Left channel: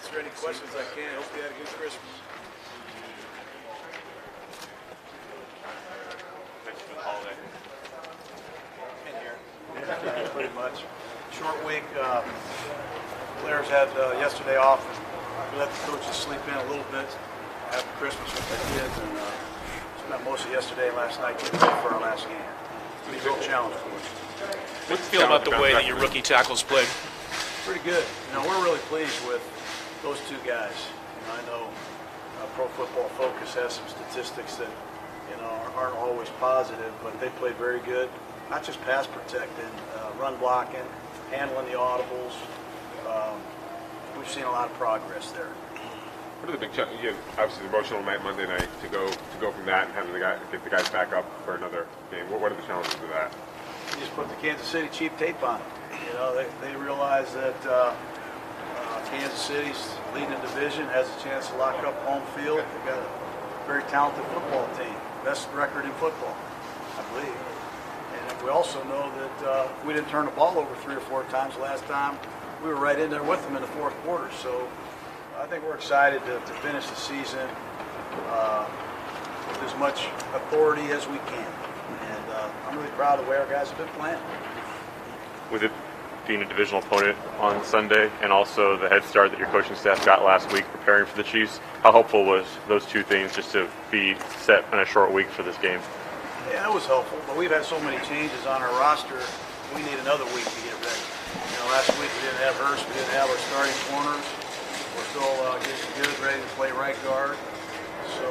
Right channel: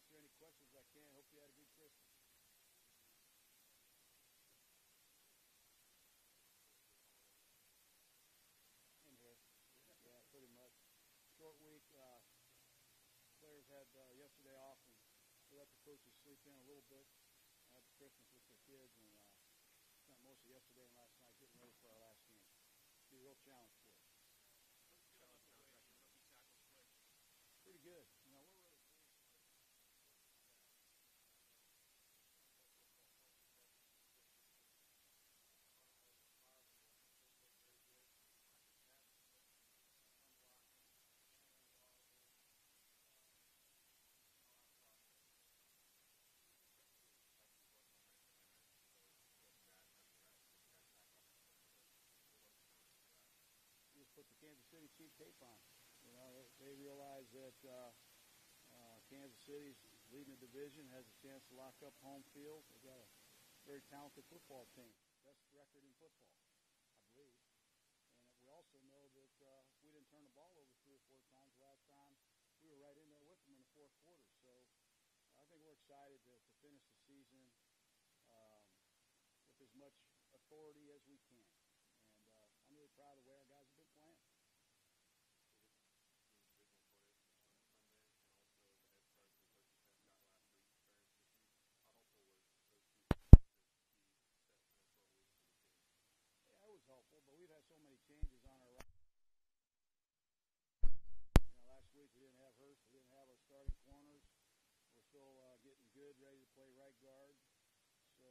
answer any questions I can. Hope you had a good Christmas. Thanks for the holiday. In here. Yeah, pretty much. Short week. Players had yesterday off. We let the coaches sleep in a little bit after Christmas with their kids, and spent most of yesterday and last night getting ready for our last game. It's a real challenge for us. What do you feel about the way that your rookie tackles played? Pretty good. We're really pleased with those two guys. I know Pro Football Focus has some statistics that aren't always positive, but they played very good. Not just pass protecting, run blocking, handling the audibles. We've seen a lot of progress there. What are the big challenges? Obviously, the emotional night Monday night to go from that and having get the guys back up for another game. What are the challenges of that? You just put the Kansas City cheap tape on it. They realize that Kansas City's leading the division, has a chance to lock up home field. They've got a very talented football team, best record in football, I believe. And we also know that we didn't turn the ball over 3 or 4 times last time. We were right in there with them in the fourth quarter. So I think we're excited to finish the season with as much authority as we can. And I'm really proud of the way our guys have been playing. With it being a divisional opponent on Sunday and also the head start that your coaching staff got last week preparing for the Chiefs, how helpful was those two things just to be set in a short week for this game? Yeah, it was helpful, but we've had so many changes on our roster, we need another week to get ready. Last week we didn't have Hurst, we didn't have our starting corners. We're still getting good, ready to play right guard. So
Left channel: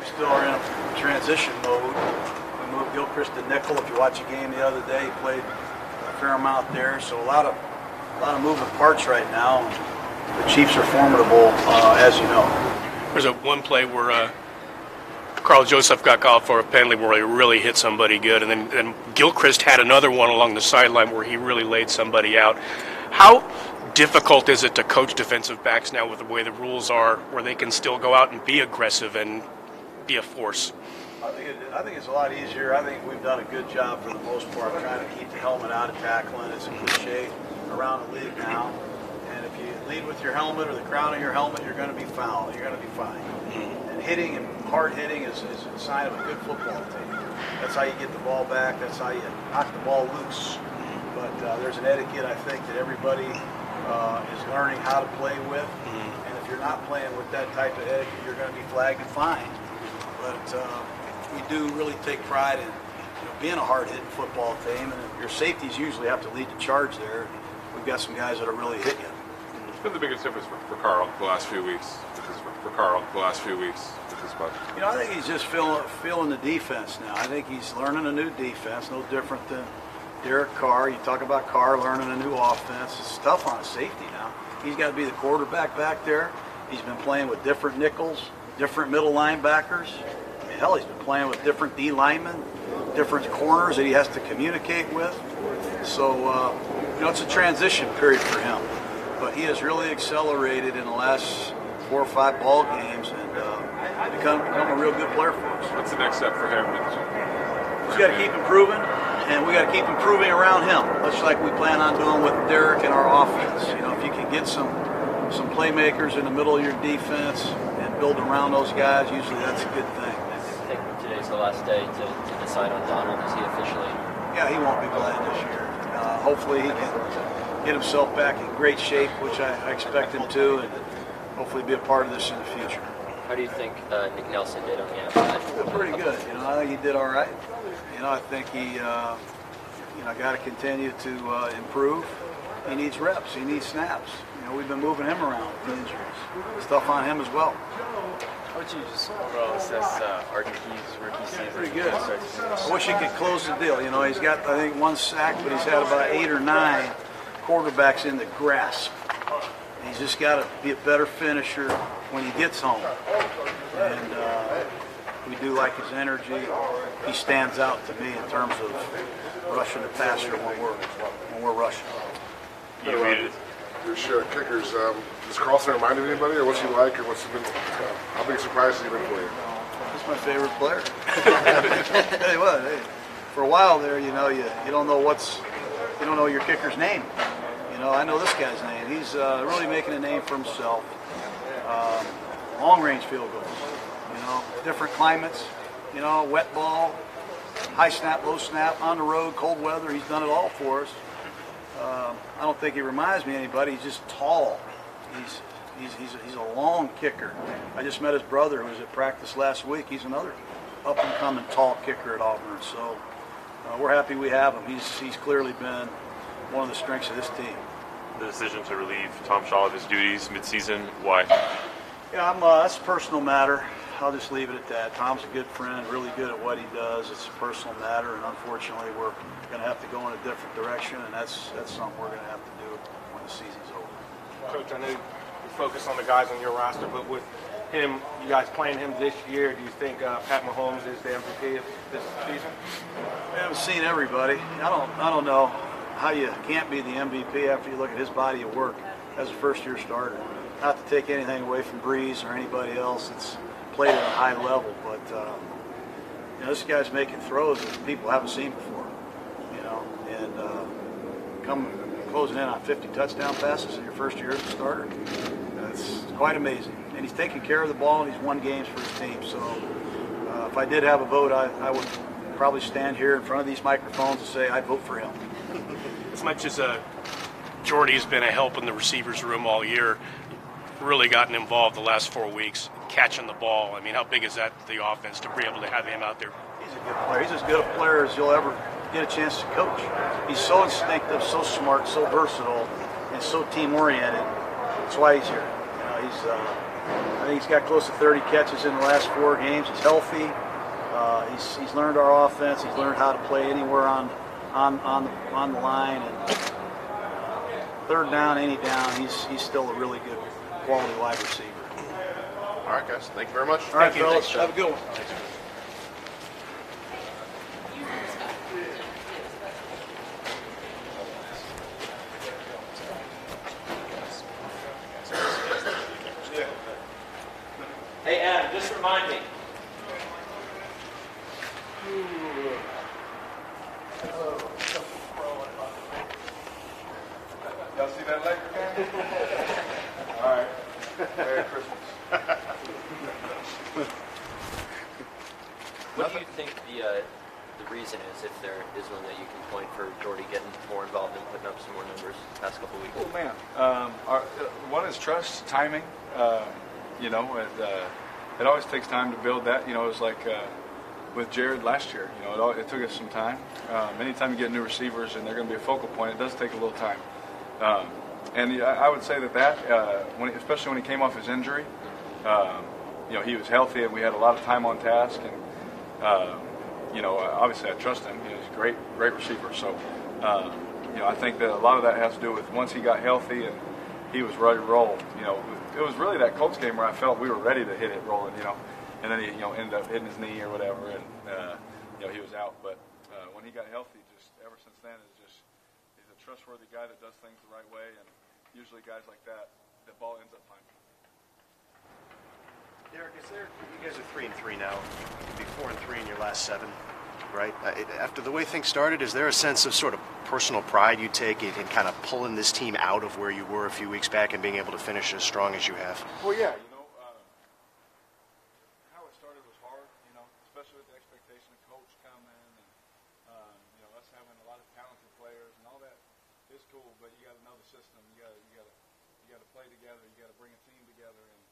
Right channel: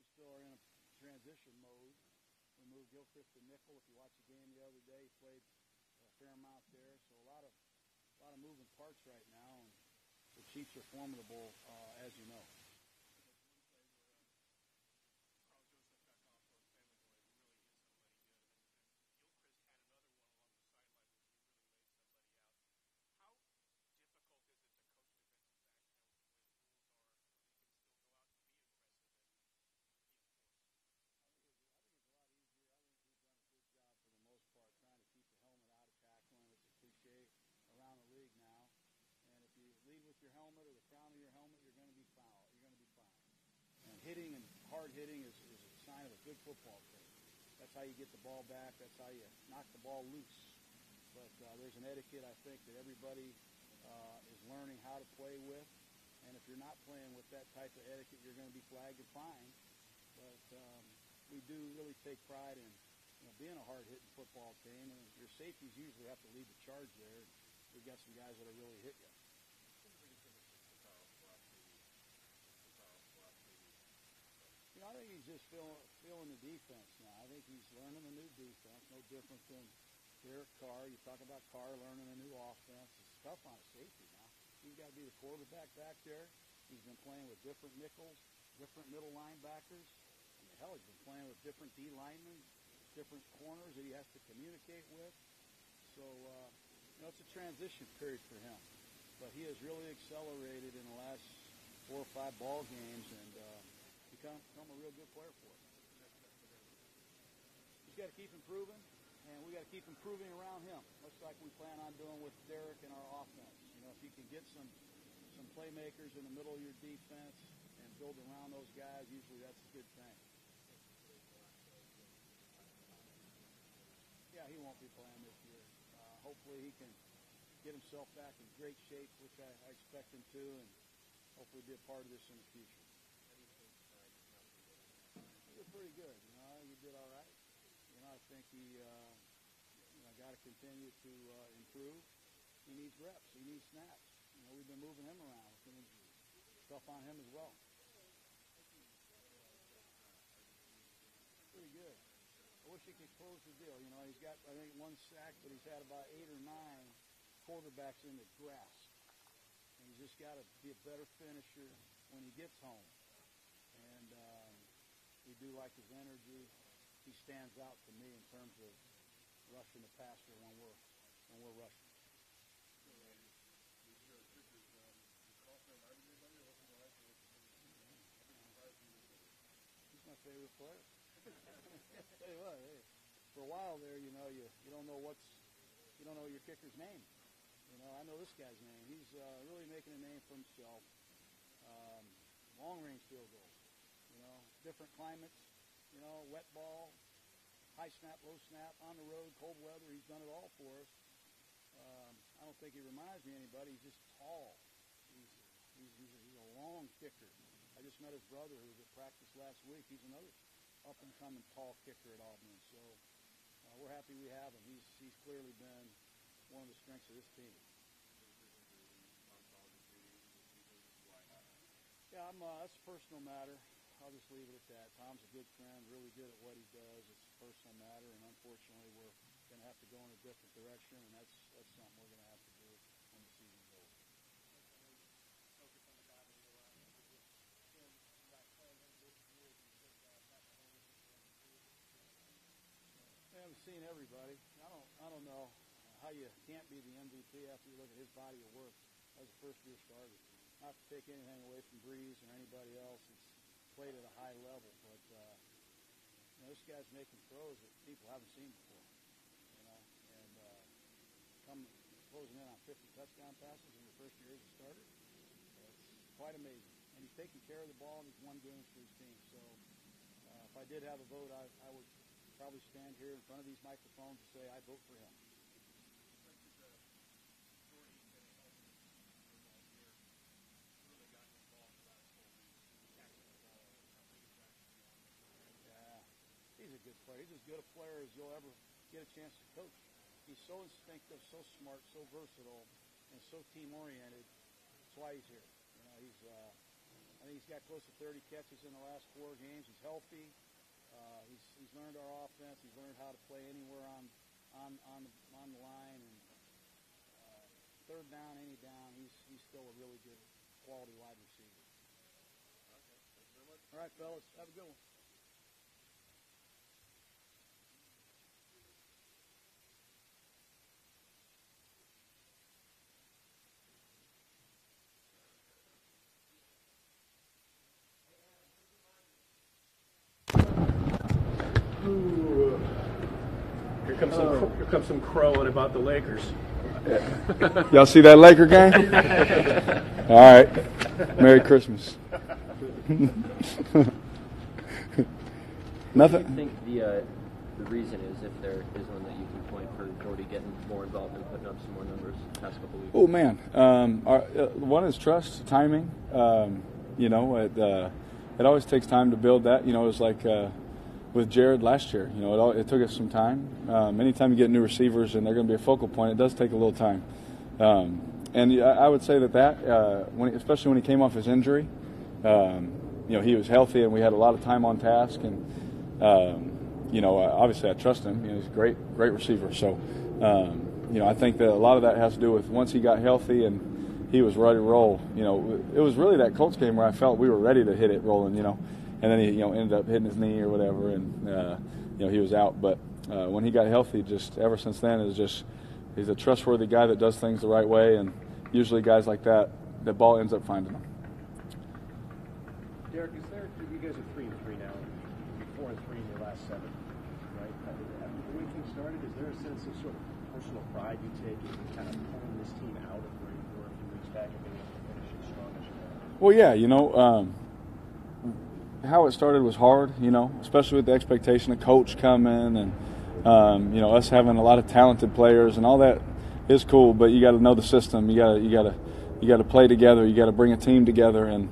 we still are in a transition mode. We moved Gilchrist to nickel. If you watch a game the other day, he played a fair amount there. So a lot of moving parts right now. The Chiefs are formidable, as you know. There's one play where Carl Joseph got called for a penalty where he really hit somebody good, and then Gilchrist had another one along the sideline where he really laid somebody out. How difficult is it to coach defensive backs now with the way the rules are, where they can still go out and be aggressive and be a force? I think it's a lot easier. I think we've done a good job for the most part trying to keep the helmet out of tackling. It's a cliche around the league now. And if you lead with your helmet or the crown of your helmet, you're going to be fouled. You're going to be fined. And hitting and hard hitting is a sign of a good football team. That's how you get the ball back. That's how you knock the ball loose. But there's an etiquette, I think, that everybody is learning how to play with. And if you're not playing with that type of etiquette, you're going to be flagged and fined. But we do really take pride in being a hard-hitting football team, and your safeties usually have to lead the charge there. We've got some guys that are really hitting you. What's been the biggest difference for Carl the last few weeks? I think he's just feeling the defense now. I think he's learning a new defense, no different than Derek Carr. You talk about Carr learning a new offense. It's tough on a safety now. He's got to be the quarterback back there. He's been playing with different nickels, different middle linebackers. Hell, he's been playing with different D linemen, different corners that he has to communicate with. So, it's a transition period for him. But he has really accelerated in the last 4 or 5 ball games and become a real good player for us. What's the next step for him? He's got to keep improving, and we got to keep improving around him, much like we plan on doing with Derek and our offense. If you can get some playmakers in the middle of your defense and build around those guys, usually that's a good thing. I think today's the last day to decide on Donald. Is he officially? Yeah, he won't be playing this year. Hopefully he can get himself back in great shape, which I expect him to, and hopefully be a part of this in the future. How do you think Nick Nelson did on the outside? Pretty good. I think he did all right. I think he, got to continue to improve. He needs reps. He needs snaps. We've been moving him around with the injuries. It's tough on him as well. How would you just overall assess RTP's rookie season? Pretty good. I wish he could close the deal. He's got, I think, 1 sack, but he's had about 8 or 9 quarterbacks in the grasp. He's just got to be a better finisher when he gets home. And we do like his energy. He stands out to me in terms of rushing the passer when we're rushing. Your share of kickers. Does Carlson remind you of anybody, or what's he like, or how big a surprise has he been for you? He's my favorite player. Tell you what, for a while there, you don't know your kicker's name. You know, I know this guy's name. He's really making a name for himself. Long-range field goals, you know, different climates, you know, wet ball, high snap, low snap, on the road, cold weather. He's done it all for us. I don't think he reminds me of anybody. He's just tall. He's a long kicker. I just met his brother who was at practice last week. He's another up-and-coming tall kicker at Auburn. So we're happy we have him. He's clearly been one of the strengths of this team. The decision to relieve Tom Shaw of his duties midseason, why? Yeah, that's a personal matter. I'll just leave it at that. Tom's a good friend, really good at what he does. It's a personal matter, and unfortunately, we're going to have to go in a different direction, and that's something we're going to have to do when the season's over. Coach, I know you focus on the guys on your roster, but with him, you guys playing him this year, do you think Pat Mahomes is the MVP of this season? We haven't seen everybody. I don't know how you can't be the MVP after you look at his body of work as a first-year starter. Not to take anything away from Breeze or anybody else that's played at a high level, but you know, this guy's making throws that people haven't seen before. You know, and come closing in on 50 touchdown passes in your first year as a starter. That's quite amazing. And he's taking care of the ball, and he's won games for his team. So if I did have a vote, I would probably stand here in front of these microphones and say I'd vote for him. As much as Jordy's been a help in the receivers room all year, really gotten involved the last 4 weeks, catching the ball. I mean, how big is that to the offense to be able to have him out there? He's a good player. He's as good a player as you'll ever get a chance to coach. He's so instinctive, so smart, so versatile, and so team-oriented. That's why he's here. You know, I think he's got close to 30 catches in the last 4 games. He's healthy. He's learned our offense. He's learned how to play anywhere on the line. And third down, any down, he's still a really good quality wide receiver. All right, guys. Thank you very much. All right, fellas. Have a good one. Hey, Adam, just remind me. Here comes some crowing about the Lakers. Y'all see that Laker game? All right. Merry Christmas. Nothing. What do you think the reason is, if there is one that you can point for Jordy getting more involved and putting up some more numbers the past couple of weeks? Oh man, one is trust, timing. You know, it always takes time to build that. You know, it was like with Jared last year. You know, it took us some time. Anytime you get new receivers and they're going to be a focal point, it does take a little time. And I would say that especially when he came off his injury, you know, he was healthy and we had a lot of time on task. And you know, obviously I trust him. You know, he's a great receiver. So you know, I think that a lot of that has to do with once he got healthy and he was ready to roll. You know, it was really that Colts game where I felt we were ready to hit it rolling. You know, and then he ended up hitting his knee or whatever, and you know, he was out. But when he got healthy, just ever since then, he's a trustworthy guy that does things the right way, and usually guys like that, the ball ends up finding them. Derek, you guys are 3-3 now. You'll be 4-3 in your last 7, right? After the way things started, is there a sense of sort of personal pride you take in kind of pulling this team out of where you were a few weeks back and being able to finish as strong as you have? Well, yeah, you know, how it started was hard, you know, especially with the expectation of coach coming and you know, us having a lot of talented players and all that is cool, but you got to know the system. You got to play together. You got to bring a team together, and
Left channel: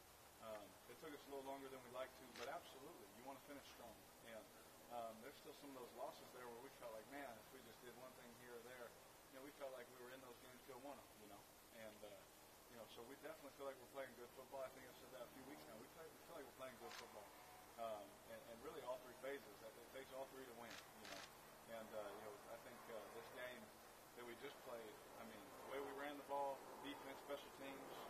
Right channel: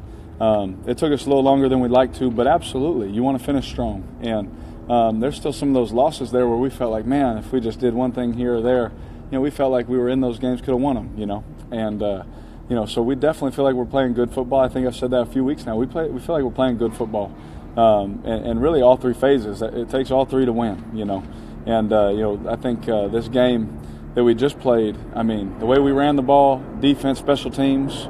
it took us a little longer than we'd like to, but absolutely, you want to finish strong. And there's still some of those losses there where we felt like, man, if we just did one thing here or there, you know, we felt like we were in those games, could have won them, you know. And you know, so we definitely feel like we're playing good football. I think I've said that a few weeks now. We feel like we're playing good football, and really all 3 phases. It takes all 3 to win, you know. And you know, I think this game that we just played, I mean, the way we ran the ball, defense, special teams,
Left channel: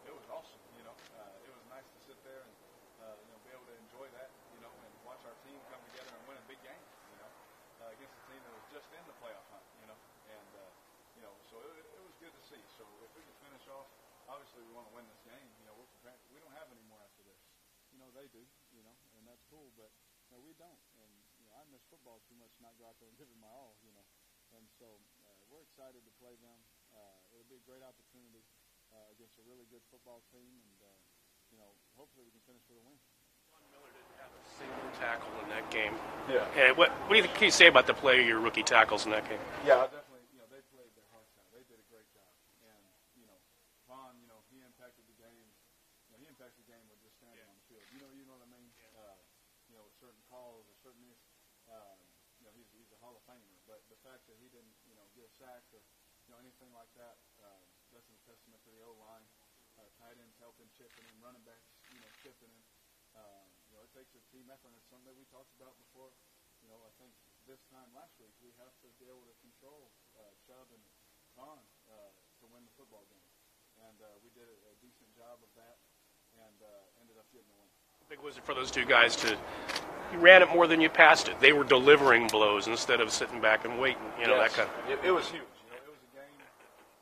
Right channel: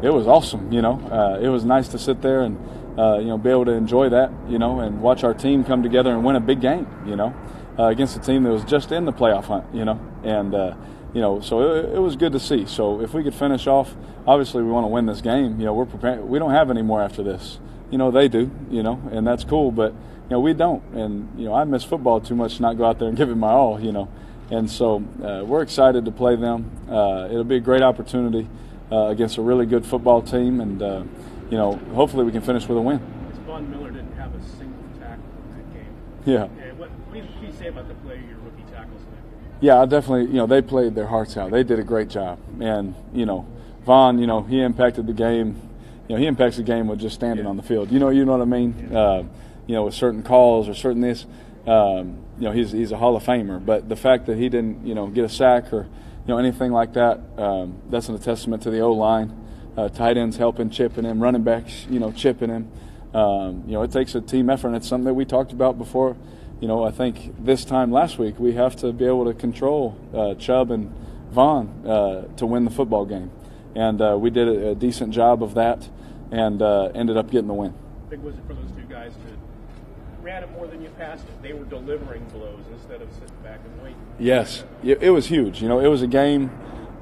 it was awesome, you know. It was nice to sit there and you know, be able to enjoy that, you know, and watch our team come together and win a big game, you know, against a team that was just in the playoff hunt, you know. And you know, so it was good to see. So if we could finish off, obviously we want to win this game. You know, we're prepared. We don't have any more after this. You know, they do, you know, and that's cool. But, you know, we don't. And, you know, I miss football too much to not go out there and give it my all, you know. And so we're excited to play them. It'll be a great opportunity against a really good football team, and hopefully we can finish with a win. Von Miller didn't have a single tackle in that game. Yeah. And what do you think, can you say about the play of your rookie tackles in that game? Yeah, I definitely, they played their hearts out. They did a great job. And, Von, he impacted the game. He impacts the game with just standing on the field. You know what I mean? With certain calls or certain this, he's a Hall of Famer. But the fact that he didn't, get a sack or, anything like that, that's a testament to the O-line. Tight ends helping, chipping him, running backs, chipping him. It takes a team effort, and it's something that we talked about before. I think this time last week we have to be able to control Chubb and Vaughn to win the football game. And we did a decent job of that and ended up getting the win. Big was it for those two guys you ran it more than you passed it. They were delivering blows instead of sitting back and waiting. Yes, it was huge. It was a game.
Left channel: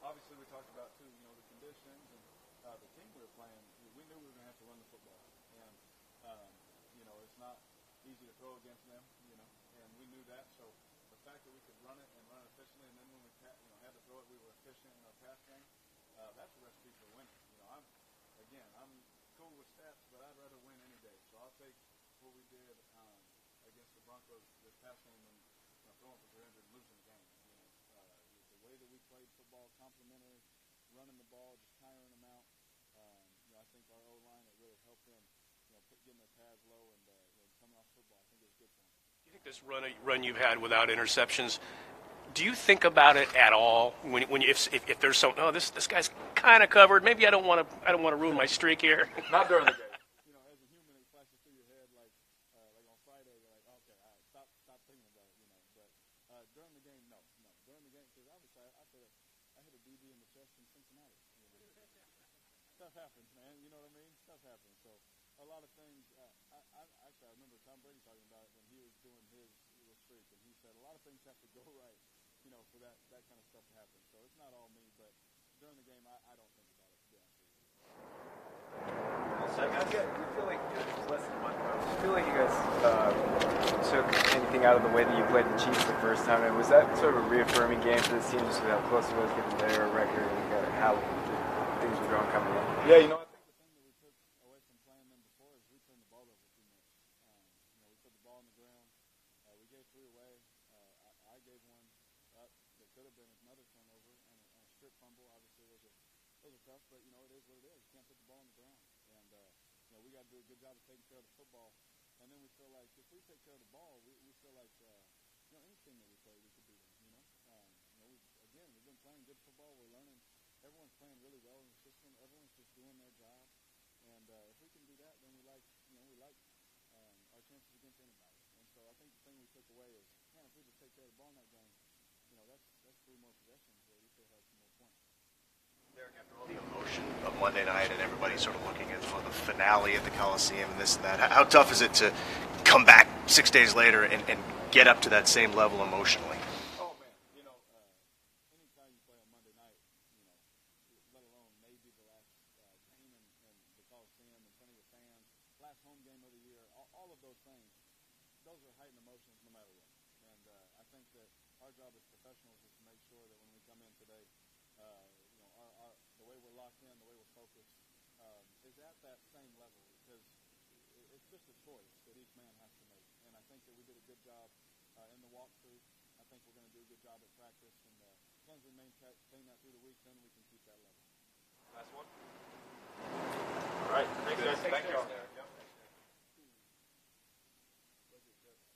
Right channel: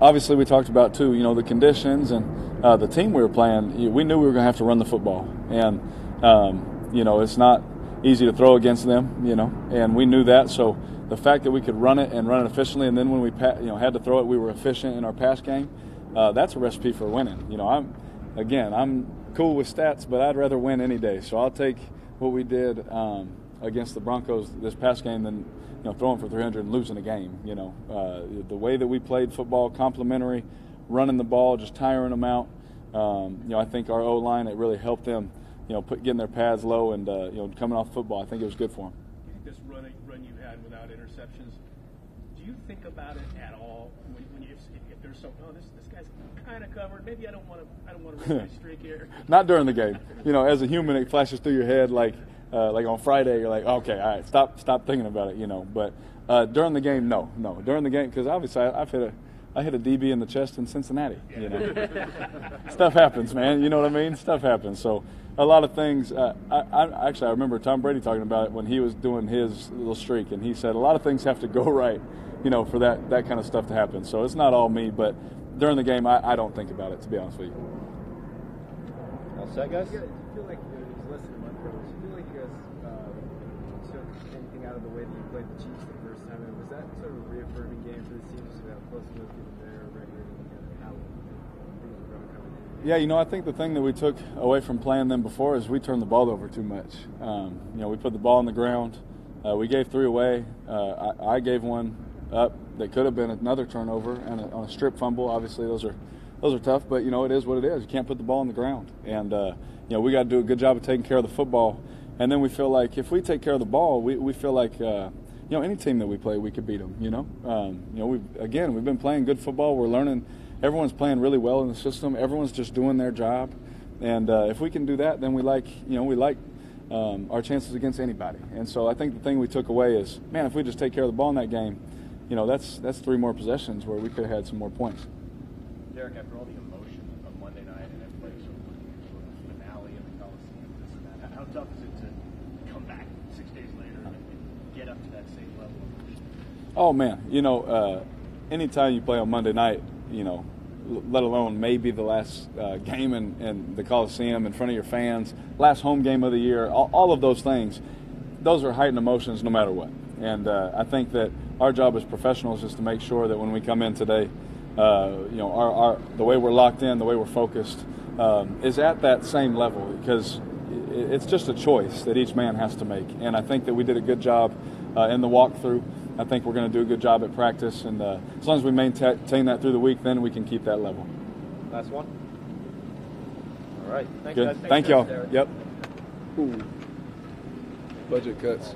Obviously, we talked about, too, the conditions and the team we were playing. We knew we were going to have to run the football. And, it's not easy to throw against them, and we knew that. So the fact that we could run it and run it efficiently, and then when we had to throw it, we were efficient in our pass game, that's a recipe for winning. I'm cool with stats, but I'd rather win any day. So I'll take what we did against the Broncos this past game than throwing for 300 and losing a game. The way that we played football, complimentary, running the ball, just tiring them out. I think our O-line, it really helped them, getting their pads low and coming off football. I think it was good for them. This run you've had without interceptions, do you think about it at all if there's some this guy's kind of covered, maybe I don't want to ruin my streak here? Not during the game. As a human, it flashes through your head like on Friday, you're like, okay, all right, stop thinking about it, But during the game, no. During the game, because obviously I hit a DB in the chest in Cincinnati. Stuff happens, man. You know what I mean? Stuff happens. So a lot of things. I remember Tom Brady talking about it when he was doing his little streak, and he said a lot of things have to go right, for that kind of stuff to happen. So it's not all me, but during the game, I don't think about it, to be honest with you. All set, guys? Yeah, you feel like it was less than a month ago. Do you feel like you guys took anything out of the way that you played the Chiefs the first time? And was that sort of a reaffirming game for this team, just with how close it was getting their record and how things were going coming in? Yeah, I think the thing that we took away from playing them before is we turned the ball over too much. We put the ball on the ground. We gave 3 away. I gave one up that could have been another turnover and on a strip fumble. Obviously, those are tough, but it is what it is. You can't put the ball on the ground, and we got to do a good job of taking care of the football. And then we feel like if we take care of the ball, we feel like any team that we play, we could beat them. We've been playing good football. We're learning. Everyone's playing really well in the system. Everyone's just doing their job, and if we can do that, then we like our chances against anybody. And so I think the thing we took away is, man, if we just take care of the ball in that game, that's 3 more possessions where we could have had some more points. Derek, after all the emotion of Monday night and everybody sort of looking at for the finale at the Coliseum and this and that, how tough is it to come back 6 days later and get up to that same level emotionally? Oh, man. Anytime you play on Monday night, let alone maybe the last game in the Coliseum in front of your fans, last home game of the year, all of those things, those are heightened emotions no matter what. And I think that our job as professionals is to make sure that when we come in today, the way we're locked in, the way we're focused, is at that same level, because it's just a choice that each man has to make. And I think that we did a good job in the walkthrough. I think we're going to do a good job at practice, and as long as we maintain that through the week, then we can keep that level. Last one. All right. Thanks, good. Guys. Thank y'all. Yep. Ooh. Budget cuts.